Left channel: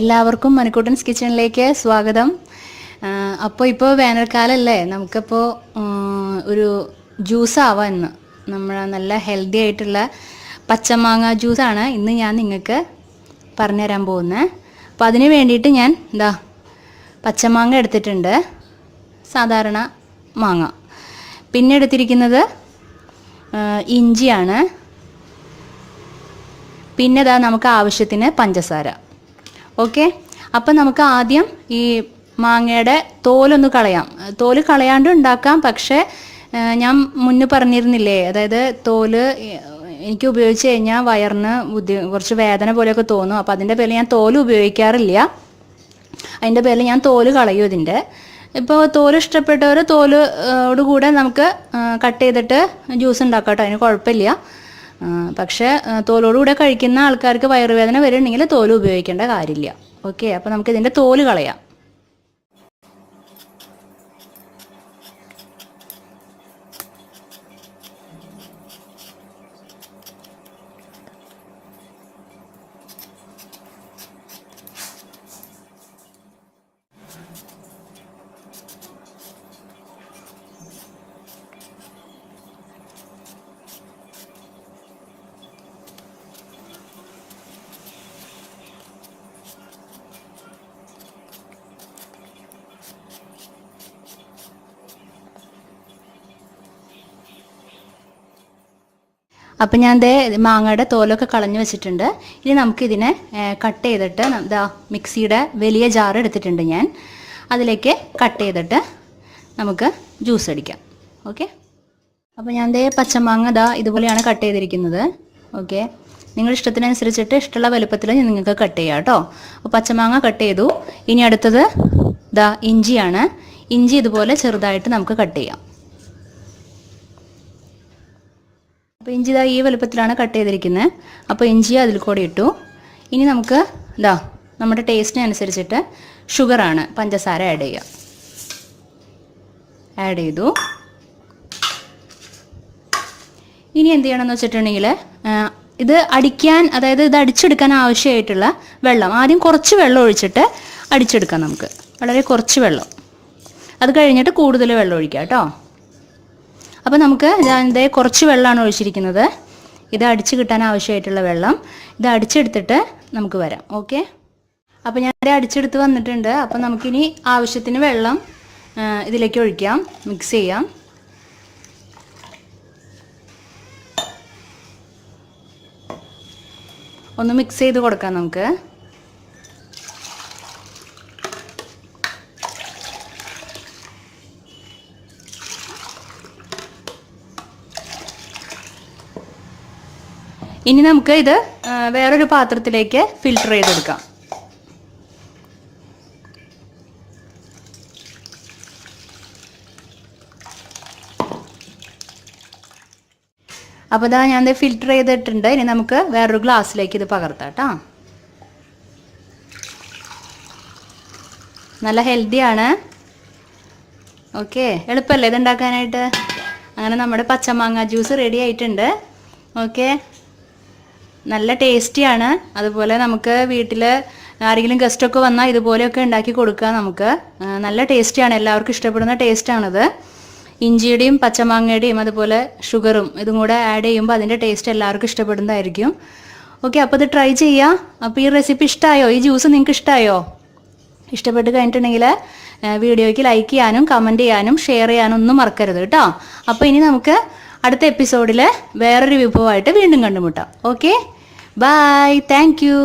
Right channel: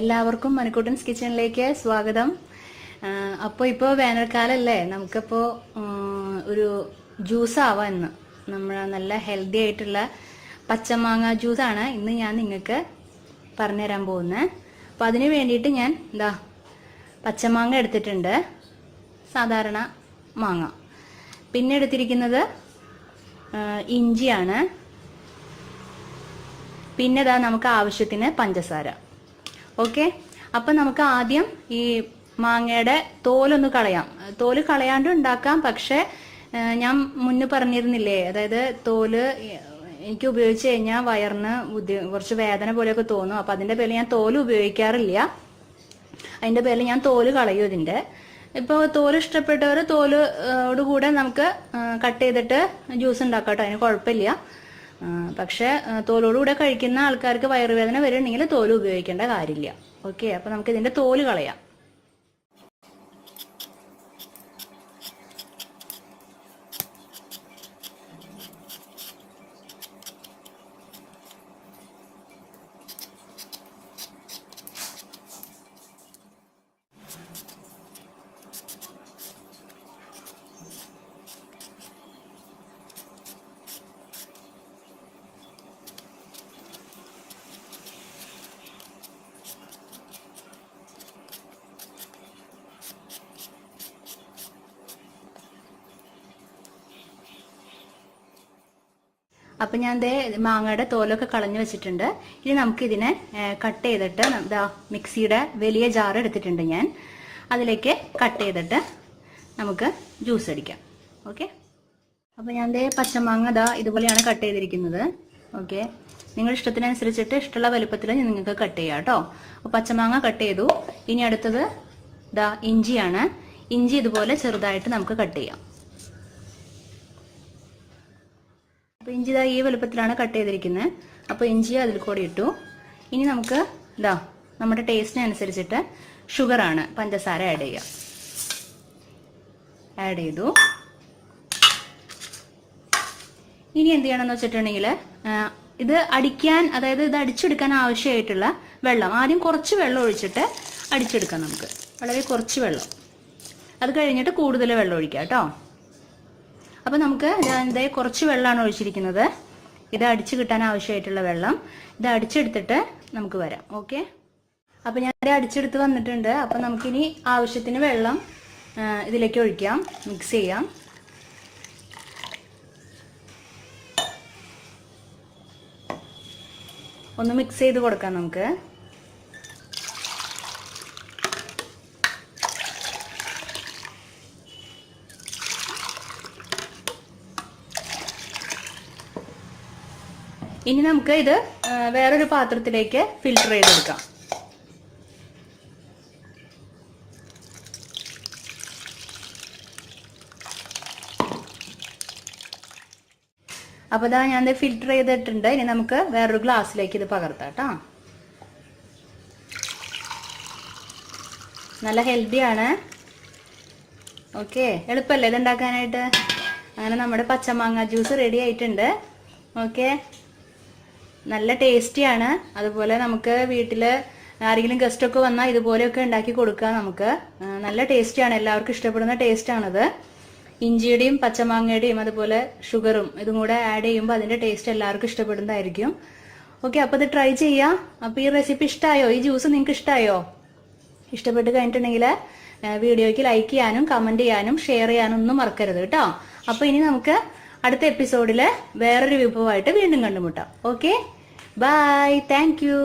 എല്ലാവർക്കും മണിക്കൂട്ടൻസ് കിച്ചണിലേക്ക് സ്വാഗതം. അപ്പോൾ ഇപ്പോൾ വേനൽക്കാലമല്ലേ, നമുക്കിപ്പോൾ ഒരു ജ്യൂസ് ആവാം ഇന്ന്. നമ്മുടെ നല്ല ഹെൽത്തി ആയിട്ടുള്ള പച്ചമാങ്ങ ജ്യൂസാണ് ഇന്ന് ഞാൻ നിങ്ങൾക്ക് പറഞ്ഞുതരാൻ പോകുന്നത്. അപ്പോൾ അതിന് വേണ്ടിയിട്ട് ഞാൻ പച്ചമാങ്ങ എടുത്തിട്ടുണ്ട്, സാധാരണ മാങ്ങ. പിന്നെ എടുത്തിരിക്കുന്നത് ഇഞ്ചിയാണ്. പിന്നെ നമുക്ക് ആവശ്യത്തിന് പഞ്ചസാര. ഓക്കെ, അപ്പം നമുക്ക് ആദ്യം ഈ മാങ്ങയുടെ തോലൊന്ന് കളയാം. തോല് കളയാണ്ട് ഉണ്ടാക്കാം, പക്ഷേ ഞാൻ മുന്നേ പറഞ്ഞിരുന്നില്ലേ, അതായത് തോല് എനിക്ക് ഉപയോഗിച്ച് കഴിഞ്ഞാൽ വയറിന് കുറച്ച് വേദന പോലെയൊക്കെ തോന്നും. അപ്പോൾ അതിൻ്റെ പേരിൽ ഞാൻ തോല് ഉപയോഗിക്കാറില്ല. അതിൻ്റെ പേരിൽ ഞാൻ തോല് കളയും ഇതിൻ്റെ. ഇപ്പോൾ തോല് ഇഷ്ടപ്പെട്ടവർ തോലോടുകൂടെ നമുക്ക് കട്ട് ചെയ്തിട്ട് ജ്യൂസ് ഉണ്ടാക്കാം കേട്ടോ, അതിന് കുഴപ്പമില്ല. പക്ഷേ തോലോടുകൂടെ കഴിക്കുന്ന ആൾക്കാർക്ക് വയറുവേദന വരുന്നുണ്ടെങ്കിൽ തോല് ഉപയോഗിക്കേണ്ട കാര്യമില്ല. ഓക്കെ, അപ്പോൾ നമുക്ക് ഇതിൻ്റെ തോല് കളയാം. അപ്പം ഞാൻ മാങ്ങയുടെ തോലൊക്കെ കളഞ്ഞു വെച്ചിട്ടുണ്ട്. ഇനി നമുക്കിതിനെ കട്ട് ചെയ്തിട്ട് മിക്സിയുടെ വലിയ ജാർ എടുത്തിട്ടുണ്ട് ഞാൻ, അതിലേക്ക് കട്ട് ചെയ്തിട്ട് നമുക്ക് ജ്യൂസ് അടിക്കാം. ഓക്കെ, അപ്പോൾ ഞാൻ പച്ചമാങ്ങ ഇതുപോലെയാണ് കട്ട് ചെയ്തിരിക്കുന്നത്. ഓക്കെ, നിങ്ങളുടെ ഇഷ്ടത്തിനനുസരിച്ചിട്ട് ഇഷ്ടമുള്ള വലുപ്പത്തിൽ നിങ്ങൾക്ക് കട്ട് ചെയ്യാം കേട്ടോ. അപ്പോൾ പച്ചമാങ്ങ കട്ട് ചെയ്തു. ഇനി അടുത്തത് ഇഞ്ചിയാണ്. ഇഞ്ചി ഇതുപോലെ ചെറുതായിട്ട് നമുക്ക് കട്ട് ചെയ്യാം. അപ്പോൾ ഇഞ്ചി ഈ വലുപ്പത്തിലാണ് കട്ട് ചെയ്തിരിക്കുന്നത്. അപ്പോൾ ഇഞ്ചി അതിൽ കൂടി ഇട്ടു. ഇനി നമുക്ക് നമ്മുടെ ടേസ്റ്റിനനുസരിച്ചിട്ട് ഷുഗറാണ്, പഞ്ചസാര ആഡ് ചെയ്യാം. ആഡ് ചെയ്തു. ഇനി എന്ത് ചെയ്യണമെന്ന് വെച്ചിട്ടുണ്ടെങ്കിൽ ഇത് അടിക്കാൻ, അതായത് ഇത് അടിച്ചെടുക്കാൻ ആവശ്യമായിട്ടുള്ള വെള്ളം ആദ്യം കുറച്ച് വെള്ളം ഒഴിച്ചിട്ട് അടിച്ചെടുക്കാം. നമുക്ക് വളരെ കുറച്ച് വെള്ളം, അത് കഴിഞ്ഞിട്ട് കൂടുതൽ വെള്ളം ഒഴിക്കാം കേട്ടോ. അപ്പോൾ നമുക്ക് കുറച്ച് വെള്ളമാണ് ഒഴിച്ചിരിക്കുന്നത്. ഇത് അടിച്ച് കിട്ടാൻ ആവശ്യമായിട്ടുള്ള വെള്ളം. ഇത് അടിച്ചെടുത്തിട്ട് നമുക്ക് വരാം. ഓക്കെ, അപ്പോൾ ഞാൻ അടിച്ചെടുത്ത് വന്നിട്ടുണ്ട്. അപ്പോൾ നമുക്കിനി ആവശ്യത്തിന് വെള്ളം ഇതിലേക്ക് ഒഴിക്കാം, മിക്സ് ചെയ്യാം. ഒന്ന് മിക്സ് ചെയ്ത് കൊടുക്കാം നമുക്ക്. ഇനി നമുക്ക് ഇത് വേറൊരു പാത്രത്തിലേക്ക് ഫിൽട്ടർ ചെയ്തെടുക്കാം. അപ്പോൾ ഞാൻ ഫിൽട്ടർ ചെയ്തിട്ടുണ്ട്. ഇനി നമുക്ക് വേറൊരു ഗ്ലാസ്സിലേക്ക് ഇത് പകർത്താം കേട്ടോ. നല്ല ഹെൽത്തിയാണ്. ഓക്കെ, എളുപ്പമല്ലേ ഇത് ഉണ്ടാക്കാനായിട്ട്. അങ്ങനെ നമ്മുടെ പച്ചമാങ്ങ ജ്യൂസ് റെഡി ആയിട്ടുണ്ട്. ഓക്കെ, നല്ല ടേസ്റ്റിയാണ്. അതുപോലെ നമുക്ക് വീട്ടിൽ ആരെങ്കിലും ഗസ്റ്റൊക്കെ വന്നാൽ ഇതുപോലെയൊക്കെ ഉണ്ടാക്കി കൊടുക്കാം നമുക്ക്. നല്ല ടേസ്റ്റിയാണ്, എല്ലാവർക്കും ഇഷ്ടപ്പെടുന്ന ടേസ്റ്റാണിത്. ഇഞ്ചിയുടെയും പച്ചമാങ്ങയുടെയും അതുപോലെ ഷുഗറും ഇതും കൂടെ ആഡ് ചെയ്യുമ്പോൾ അതിൻ്റെ ടേസ്റ്റ് എല്ലാവർക്കും ഇഷ്ടപ്പെടുന്നതായിരിക്കും. ഓക്കെ, അപ്പോൾ ഇത് ട്രൈ ചെയ്യാം. അപ്പോൾ ഈ റെസിപ്പി ഇഷ്ടമായോ? ഈ ജ്യൂസ് നിങ്ങൾക്ക് ഇഷ്ടമായോ? ഇഷ്ടപ്പെട്ട് കഴിഞ്ഞിട്ടുണ്ടെങ്കിൽ വീഡിയോയ്ക്ക് ലൈക്ക് ചെയ്യാനും കമൻറ്റ് ചെയ്യാനും ഷെയർ ചെയ്യാനും ഒന്നും മറക്കരുത് കേട്ടോ. അപ്പോൾ ഇനി നമുക്ക് അടുത്ത എപ്പിസോഡിൽ വേറൊരു വിഭവമായിട്ട് വീണ്ടും കണ്ടുമുട്ടാം. Okay, bye, thank U.